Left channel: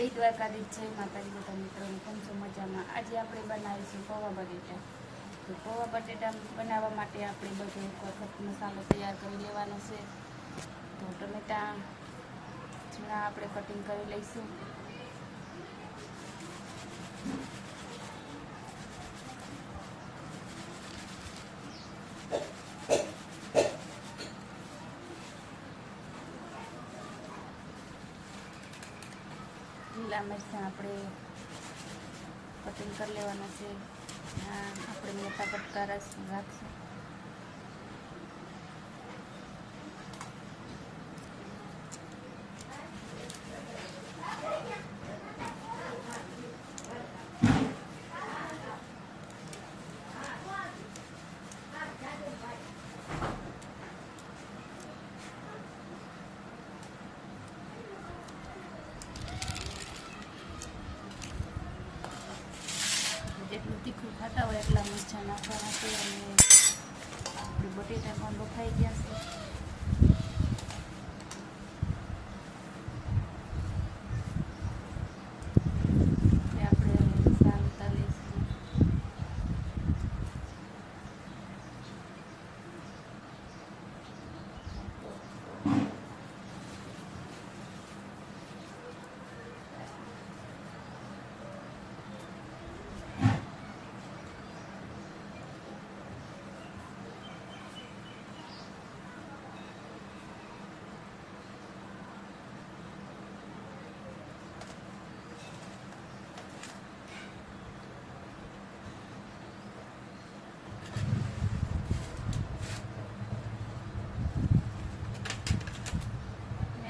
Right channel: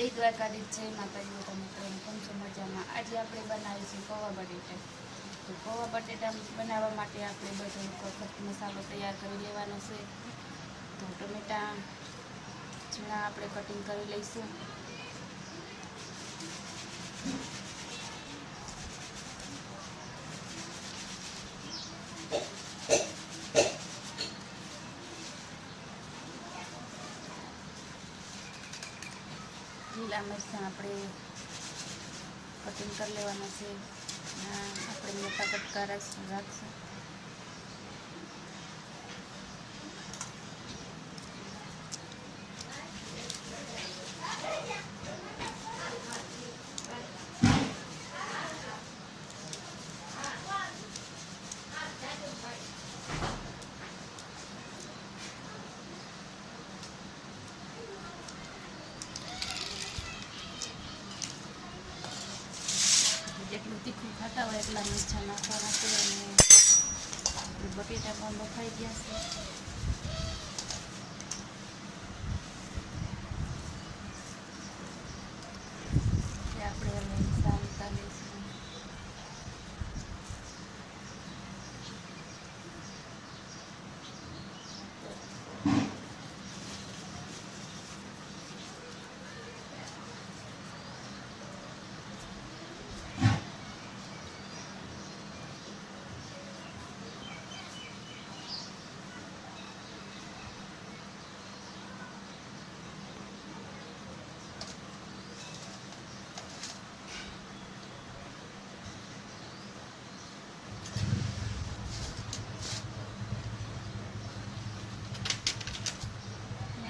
જય દ્વારકાધીશ, જય માતાજી બધા મિત્રોને કેમ છો મજામાં। આજે આપણે બનાવીશું પૌવા બટેટા। તો પૌવા બટેટા બનાવવા માટે આપણે બધો એક વખત મસાલો તૈયાર કરી લેવાનો છે। તો ટમેટા ઝીણા આપણે કટિંગ કરી લઈશું। લીલા મરચાં આપણે કટિંગ કરી લેવાના છે। આપણે મોટા કટકા રાખશું। જેટલું તીખું ખાતા હોય એટલા મરચાં નાખવાના છે। અને આપણે બટેટા પણ બફાઈ ગયા છે। આપણે હવે સાંતળતા લઈશું।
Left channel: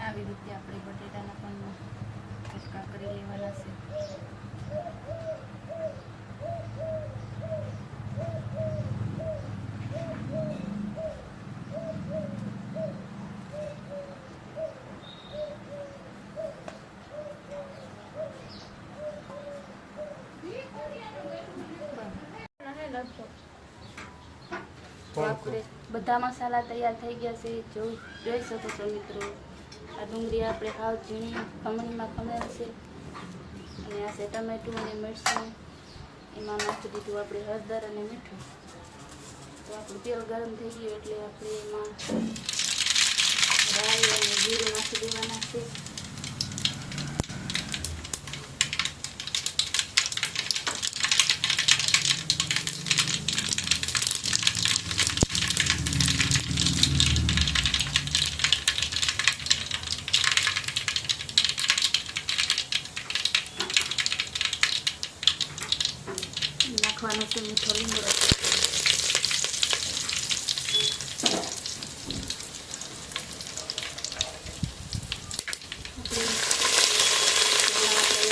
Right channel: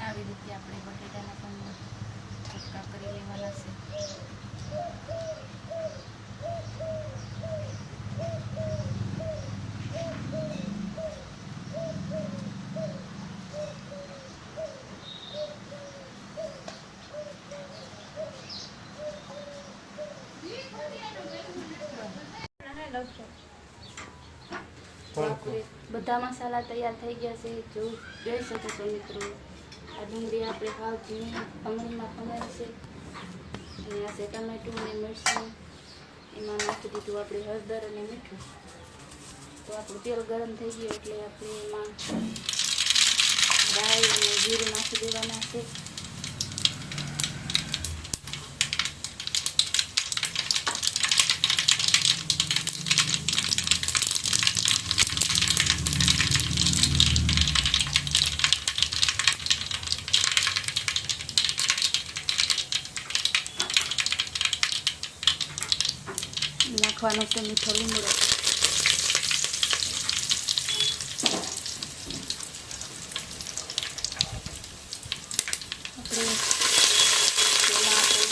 આવી રીતે આપણે બટેટાના પણ કટકા કરી લેવાના છે। બધા મસાલા તૈયાર થઈ ગયા છે। જોઈ શકો છો મિત્રો। આ ડુંગળી આપણે હાવ ઝીણી ખમણીમાં ખમણી છે। અને આ છે ટમેટું અને મરચાં, એમાં નાખી દીધું આપણે હળદર અને મીઠું। તો આપણું તેલ ગરમ થઈ ગયું એટલે આપણે એમાં રાઈ અને જીરું નાખી દેવાના છે। નાખવાનું છે મીઠો લીમડો।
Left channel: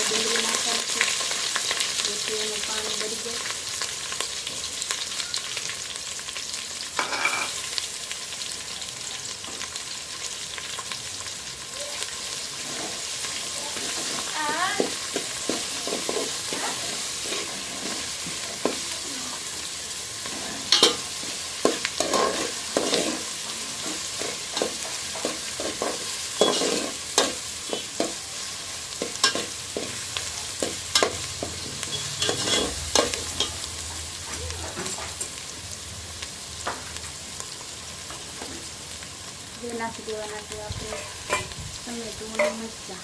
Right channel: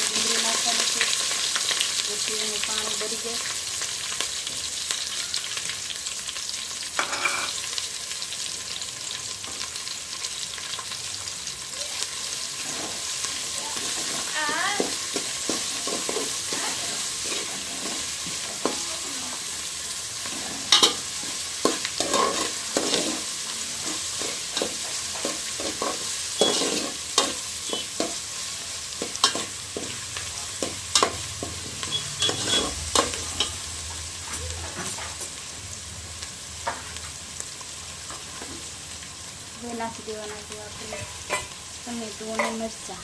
ડુંગળી નાખવાનું છે જેથી એને પાણી બળી જાય। નાખી દેવાના છે આપણે ટમેટું અને મરચાં।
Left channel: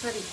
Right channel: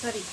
ફરી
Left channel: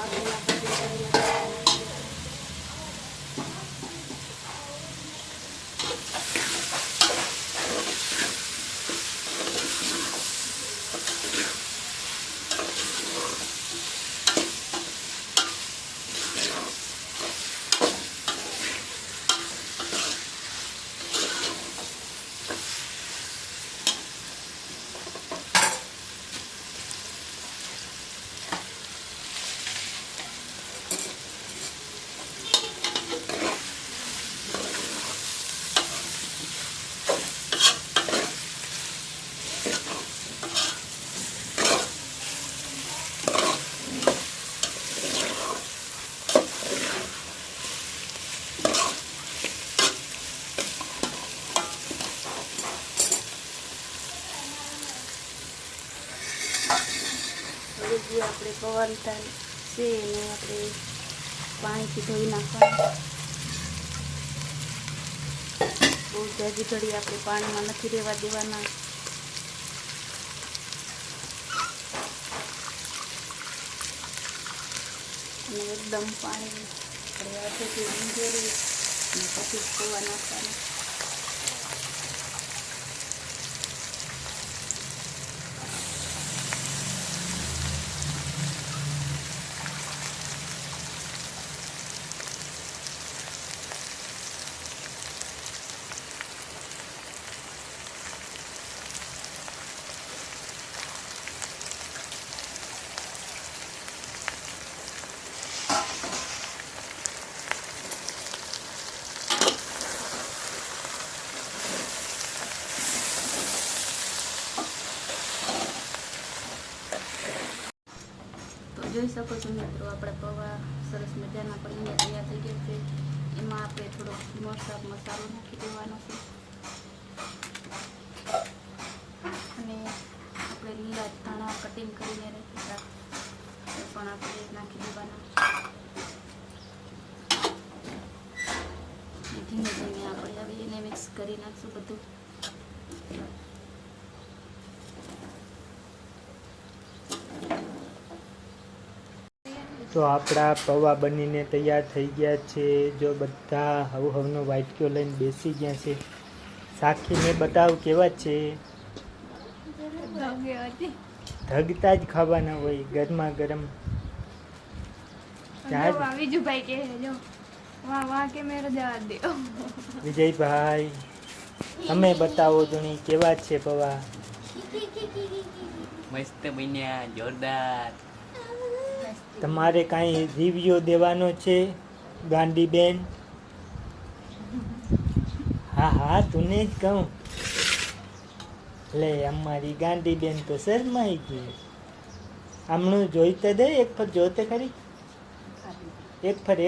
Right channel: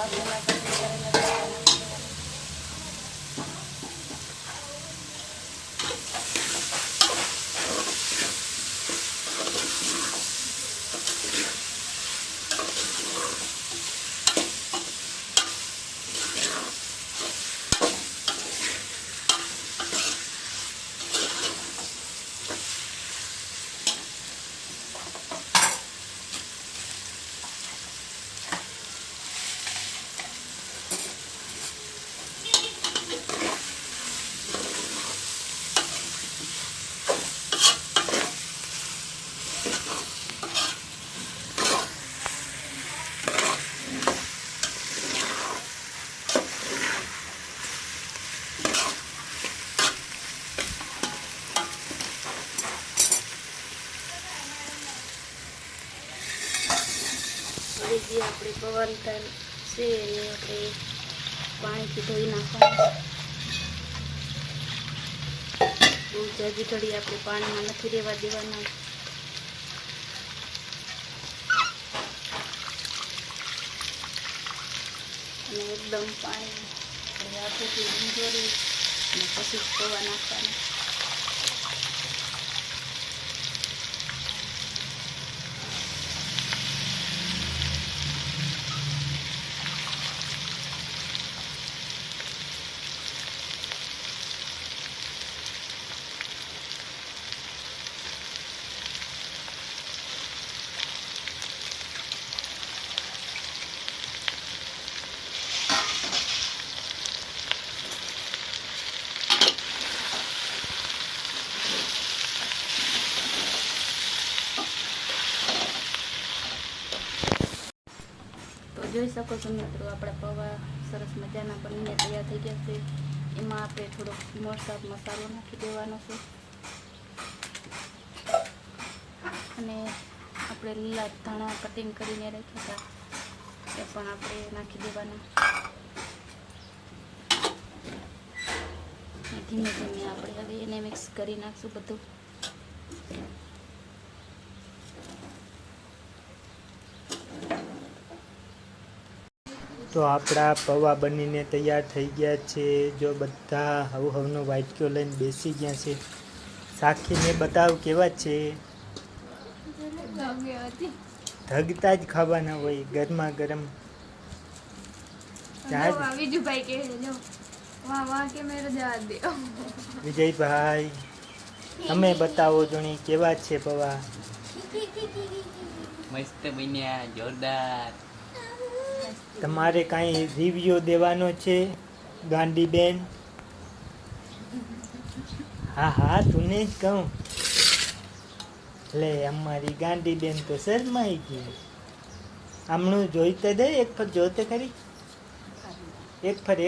બાફેલા કટિંગ કરેલા પૌવા નાખી દેવાના. હવે જે આપણે પૌવાની તાલ છે એને આપણે પાણીથી ધોઈ નાખવાનું. બહુ જાજી ઘડી આપણે પાણીમાં નથી રહેવા દેવાના. અને એકદમ પાણી આપણે હાથેથી વીંઝોરી અને પછી પૌવા નાખવાના. જોઈ શકો છો મિત્રો, આપણા પૌવા સરસ મજાના બનીને તૈયાર થઈ ગયા છે. એમાં આપણે થોડોક મસાલો નાખી દેવાનો છે અને આપણે લીલા ધાણા કટિંગ કરીને રાખ્યા હતા એ પણ આપણે નાખી દેવાના. ધીમે ધીમે આપણે હવે એને મિક્સ કરી નાખશું બધું. તો આપણા પૌવા બનીને તૈયાર થઈ ગયા છે. જો બધા હવનો વાટક્યો લઈને બેસી ગયા છે. શાખીને બતાવ કેવા છે. ધગતા જ ખાવાના હોય ગરમા ગરમ. વિજયભાઈ તમે બતાવો જોણી કેવા છે પૌવા. મસ્ત બન્યા, જોરદાર. તમારે કાંઈ રિવ્યુ દેવાનો છે ગાંડીબેન? હા હા તું જ કહું. લે અમારી ગાંડીબેન તો શરમાઈ ગઈ. હમણું જોઈતે દે એક ફર જોતે ખરી. એક ફર